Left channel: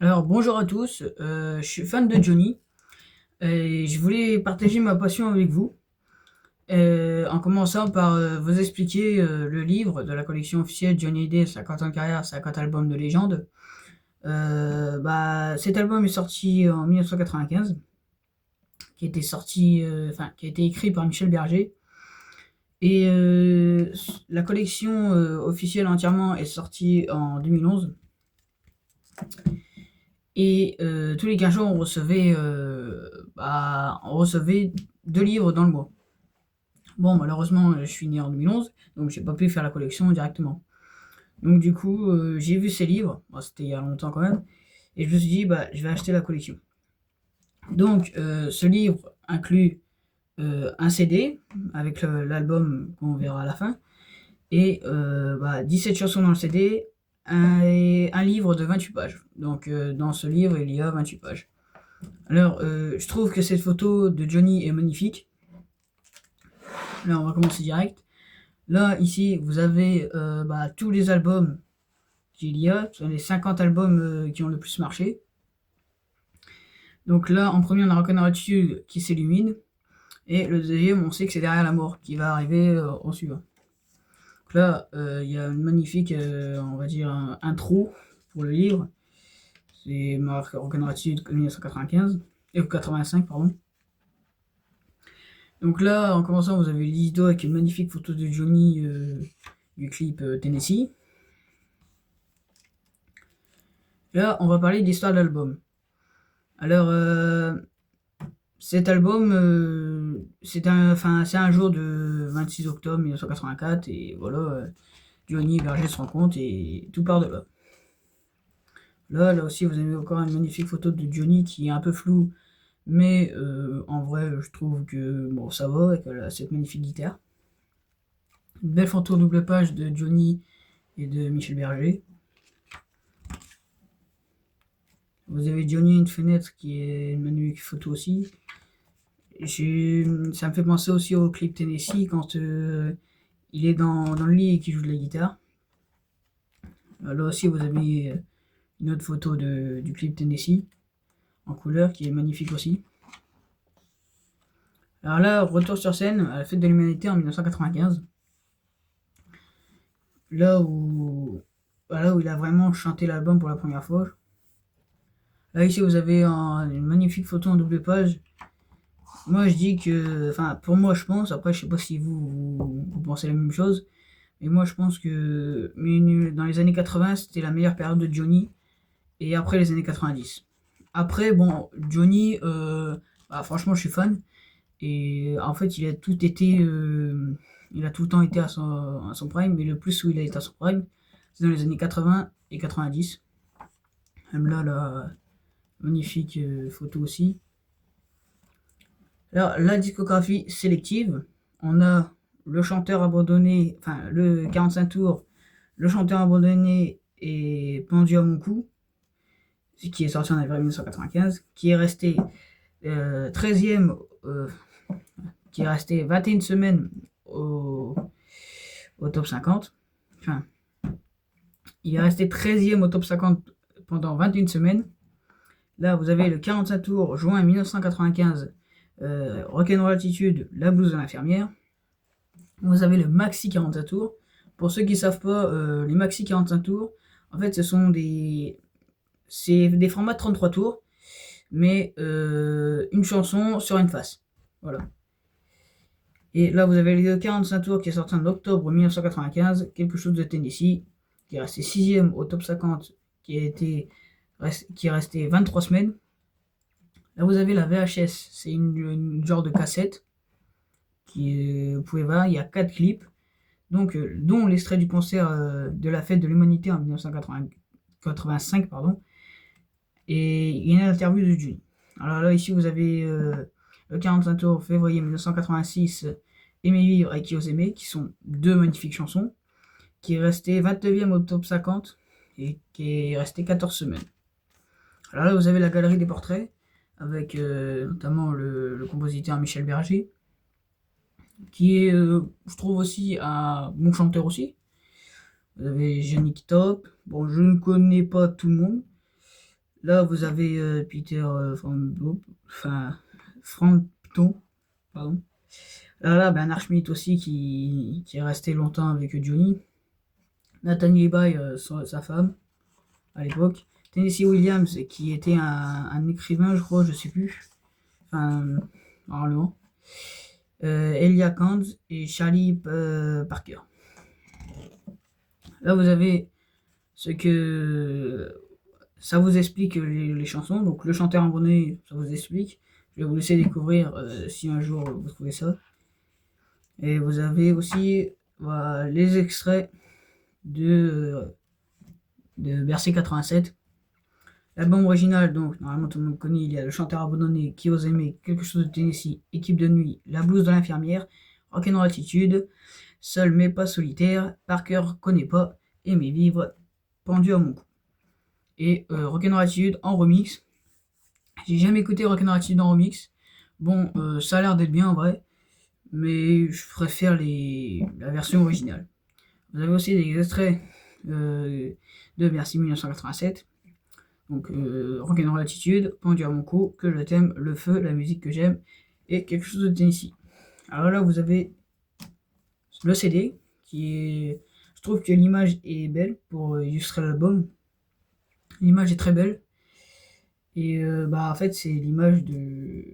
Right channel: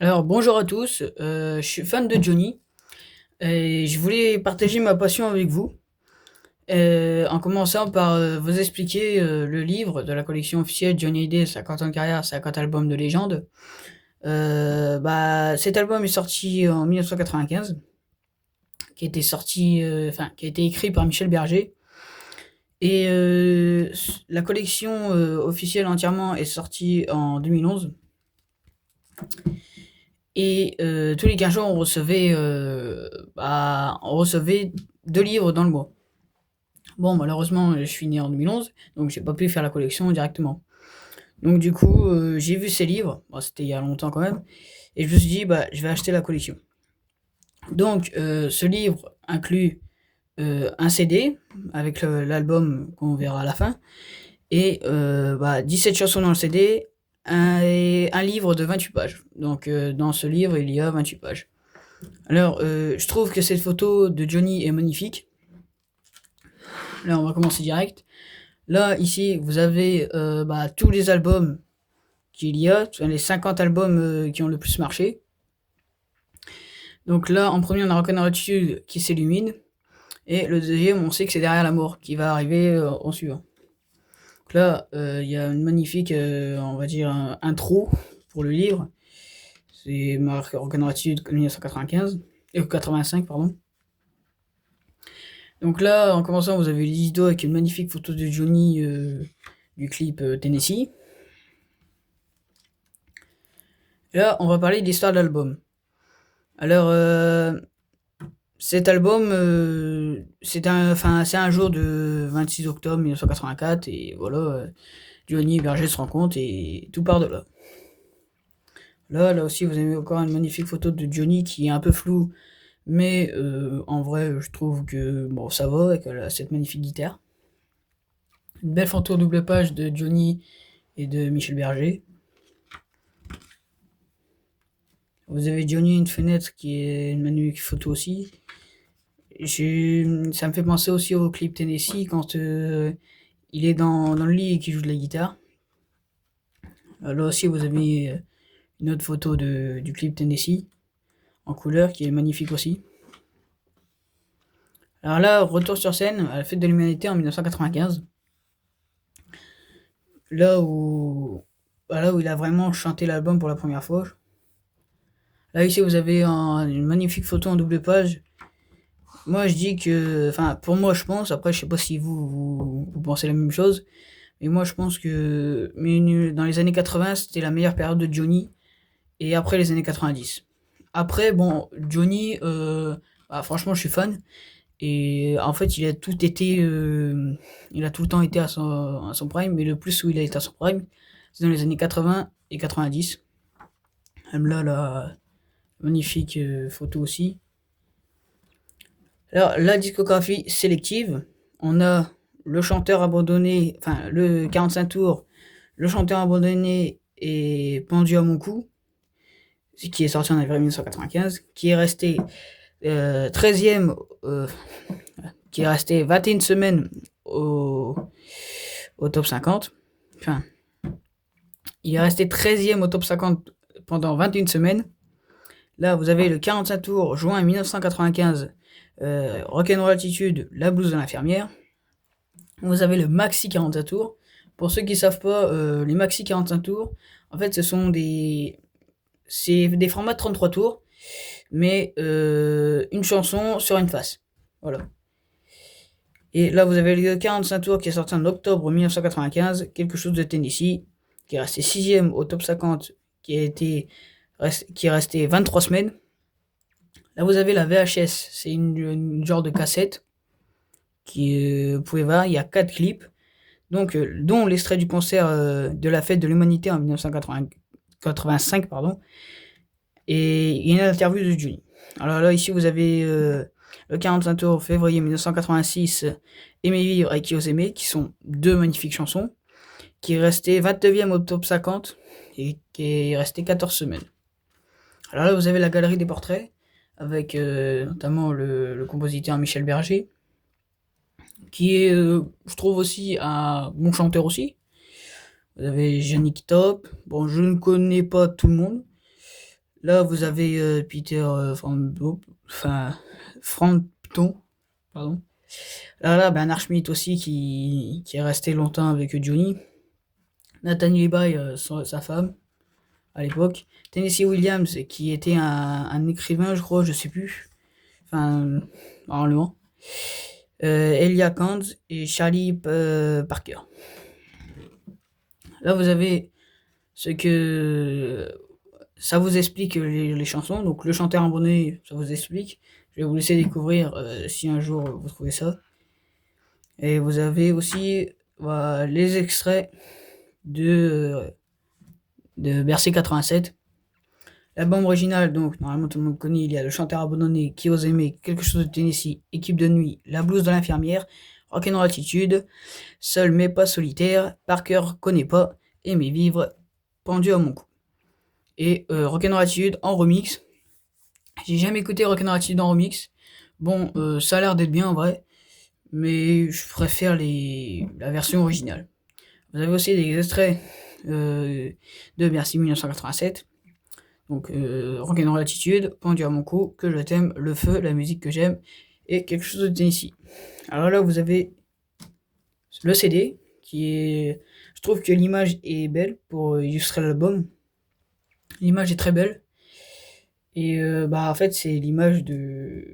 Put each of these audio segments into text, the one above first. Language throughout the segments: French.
Alors bonjour à tous, je suis fan de Johnny et je voulais partager ma passion avec vous, en commençant par, vous expliquer, le livre de la collection officielle Johnny Hallyday, 50 ans de carrière, 50 albums de légende. Cet album est sorti en 1995, qui a été écrit par Michel Berger et la collection, officielle entièrement est sortie en 2011 et tous les 15 jours on recevait 2 livres dans le mois. Bon, malheureusement, je suis né en 2011, donc j'ai pas pu faire la collection directement. Donc du coup, j'ai vu ces livres, bon, c'était il y a longtemps quand même, et je me suis dit: «Bah, je vais acheter la collection». Donc ce livre inclut, un CD avec l'album qu'on verra à la fin et 17 chansons dans le CD, un livre de 28 pages. Donc dans ce livre, il y a 28 pages. Alors, je trouve que cette photo de Johnny est magnifique. Là, on va commencer direct. Là, ici, vous avez tous les albums qu'il y a, les 50 albums qui ont le plus marché. Donc là, en premier, on a Rock'n'Roll Attitude qui s'illumine. Et le deuxième, on sait que c'est Derrière la mort qui va arriver en suivant. Donc là, il y a une magnifique, on va dire, intro pour le livre. C'est marqué Rock'n'Roll Attitude 1995, 85, pardon. Donc là, en commençant, vous avez Lido avec une magnifique photo de Johnny du clip Tennessee. Là, on va parler de l'histoire de l'album. Alors, cet album, c'est un jour de 26 octobre 1984 et voilà, Johnny et Berger se rencontrent et tout part de là. Là aussi, vous avez encore une magnifique photo de Johnny qui est un peu floue, mais en vrai, je trouve que bon, ça va avec cette magnifique guitare. Une belle photo double page de Johnny et de Michel Berger. Vous avez Johnny et une fenêtre qui est une magnifique photo aussi. Ça me fait penser aussi au clip Tennessee quand il est dans le lit et qu'il joue de la guitare. Là aussi, vous avez une autre photo du clip Tennessee en couleur qui est magnifique aussi. Alors là, retour sur scène à la Fête de l'Humanité en 1995, là où, là où il a vraiment chanté l'album pour la première fois. Là, ici, vous avez une magnifique photo en double page. Moi, je dis que, enfin, pour moi, je pense, après, je sais pas si vous pensez la même chose, mais moi, je pense que dans les années 80, c'était la meilleure période de Johnny, et après les années 90. Après, bon, Johnny, franchement, je suis fan. Et en fait, il a tout le temps été à son prime, mais le plus où il a été à son prime, c'est dans les années 80 et 90. Même là, la magnifique photo aussi. Alors, la discographie sélective, on a le chanteur abandonné, enfin, le 45 tours, le chanteur abandonné et pendu à mon cou, qui est sorti en avril 1995, euh, 13e, euh, qui est resté 21 semaines au top 50. Enfin, il est resté 13e au top 50 pendant 21 semaines. Là, vous avez le 45 tours, juin 1995, Rock'n'Roll Attitude, La blouse de l'infirmière. Vous avez le maxi 45 tours. Pour ceux qui ne savent pas, les maxi 45 tours, en fait, c'est des formats de 33 tours, mais une chanson sur une face. Voilà. Et là, vous avez le 45 tours qui est sorti en octobre 1995, quelque chose de Tennessee, qui est resté 6e au top 50, qui est resté 23 semaines. Là, vous avez la VHS, c'est une genre de cassette vous pouvez voir, il y a 4 clips, donc, dont l'extrait du concert de la fête de l'humanité en 1985, pardon, et il y a une interview de Johnny. Alors là, ici, vous avez le 45 tours, février 1986, Aimer vivre et Qui ose aimer, qui sont deux magnifiques chansons, qui est resté 29e au top 50 et qui est resté 14 semaines. Alors là, vous avez la galerie des portraits, avec notamment le compositeur Michel Berger, qui est, je trouve aussi, un bon chanteur aussi. Vous avez Yannick Top, bon, je ne connais pas tout le monde. Là, vous avez Peter Frampton, pardon. Là, ben, Archmit aussi qui est resté longtemps avec Johnny. Nathaniel Bay, sa femme, à l'époque. Tennessee Williams, qui était un écrivain, je crois, je sais plus. Enfin, normalement. Elia Kant et Charlie Parker. Là, vous avez ce que ça vous explique les chansons. Donc, le chanteur abonné, ça vous explique. Je vais vous laisser découvrir si un jour vous trouvez ça. Et vous avez aussi voilà, les extraits de Bercy 87. L'album original, donc normalement tout le monde connaît, il y a le chanteur abandonné, Qui ose aimer, Quelque chose de Tennessee, Équipe de nuit, La blouse de l'infirmière, Rock'n'Roll Attitude, Seul mais pas solitaire, Par cœur connaît pas, Aimer vivre, Pendu à mon cou. Et Rock'n'Roll Attitude en remix. J'ai jamais écouté Rock'n'Roll Attitude en remix. Bon, ça a l'air d'être bien en vrai, mais je préfère la version originale. Vous avez aussi des extraits de Bercy 1987. Donc, Rock'n'Roll Attitude, Pendu à mon cou, Que je t'aime, Le feu, la musique que j'aime, et Quelque chose de Tennessee. Alors là, vous avez le CD, qui est... Je trouve que l'image est belle pour illustrer l'album. L'image est très belle. Et bah, en fait, c'est l'image de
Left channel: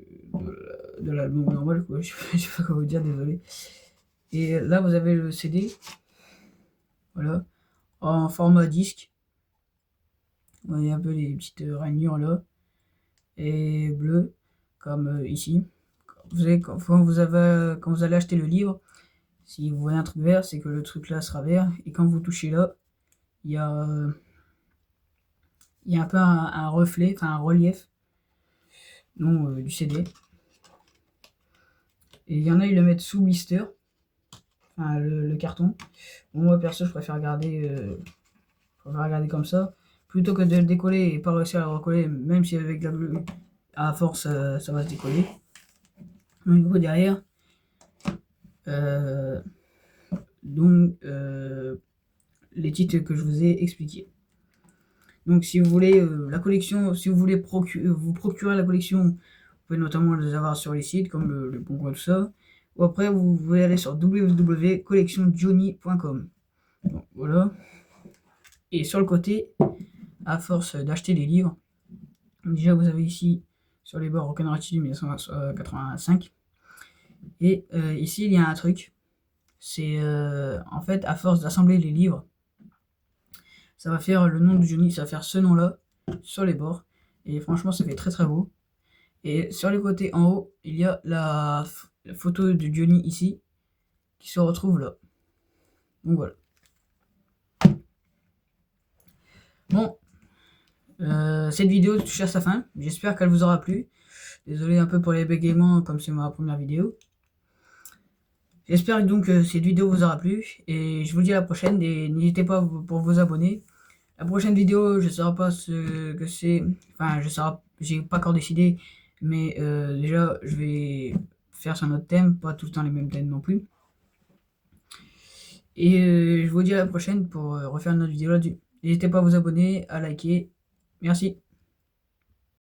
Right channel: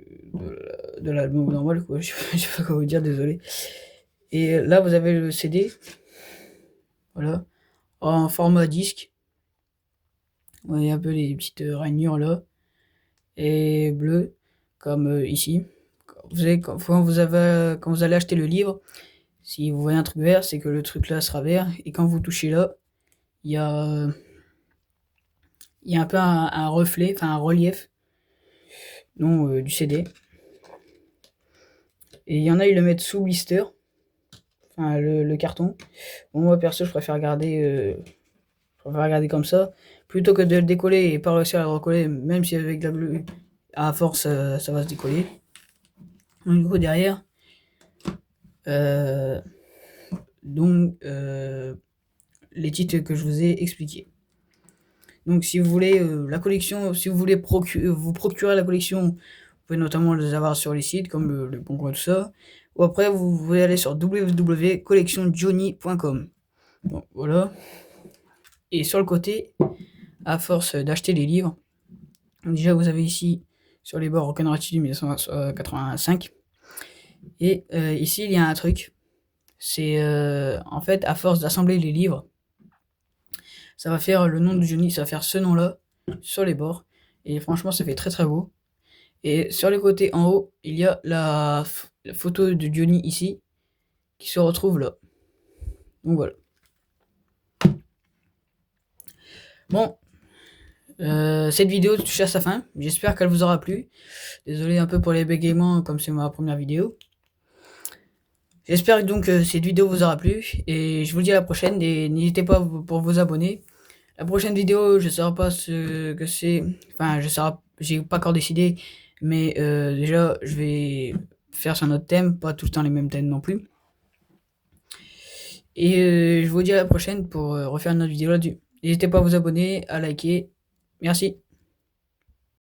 l'album normal, quoi. Je sais pas comment vous dire, désolé. Et là, vous avez le CD, voilà, en format disque. Vous voyez un peu les petites rainures là, et bleu, comme ici. Quand vous allez acheter le livre, si vous voyez un truc vert, c'est que le truc là sera vert. Et quand vous touchez là, il y a, il y a un peu un reflet, enfin un relief du CD. Et il y en a, ils le mettent sous blister, enfin le carton. Bon, moi perso, je préfère regarder comme ça, plutôt que de le décoller et pas réussir à le recoller, même si avec la bleue, à force, ça va se décoller. Donc, du coup, derrière, euh, les titres que je vous ai expliqués. Donc, si vous voulez la collection, si vous voulez vous procurer la collection, vous pouvez notamment les avoir sur les sites comme le Bon Coin, tout ça. Ou après, vous pouvez aller sur www.collectionjohnny.com. Bon, voilà. Et sur le côté, à force d'acheter les livres, déjà vous avez ici sur les bords Rock'n'Roll Attitude 1985. Et ici, il y a un truc. C'est en fait, à force d'assembler les livres, ça va faire le nom de Johnny, ça va faire ce nom-là sur les bords. Et franchement, ça fait très très beau. Et sur les côtés en haut, il y a la photo de Johnny ici, qui se retrouve là. Donc voilà. Bon, cette vidéo touche à sa fin. J'espère qu'elle vous aura plu. Désolé un peu pour les bégaiements, comme c'est ma première vidéo. J'espère donc que cette vidéo vous aura plu. Et je vous dis à la prochaine. Et n'hésitez pas pour vous abonner. La prochaine vidéo, je ne saurais pas ce que c'est. Enfin, j'ai pas encore décidé. Mais déjà, je vais faire sur notre thème. Pas tout le temps les mêmes thèmes non plus. Et je vous dis à la prochaine pour refaire une autre vidéo là-dessus. N'hésitez pas à vous abonner, à liker. Merci.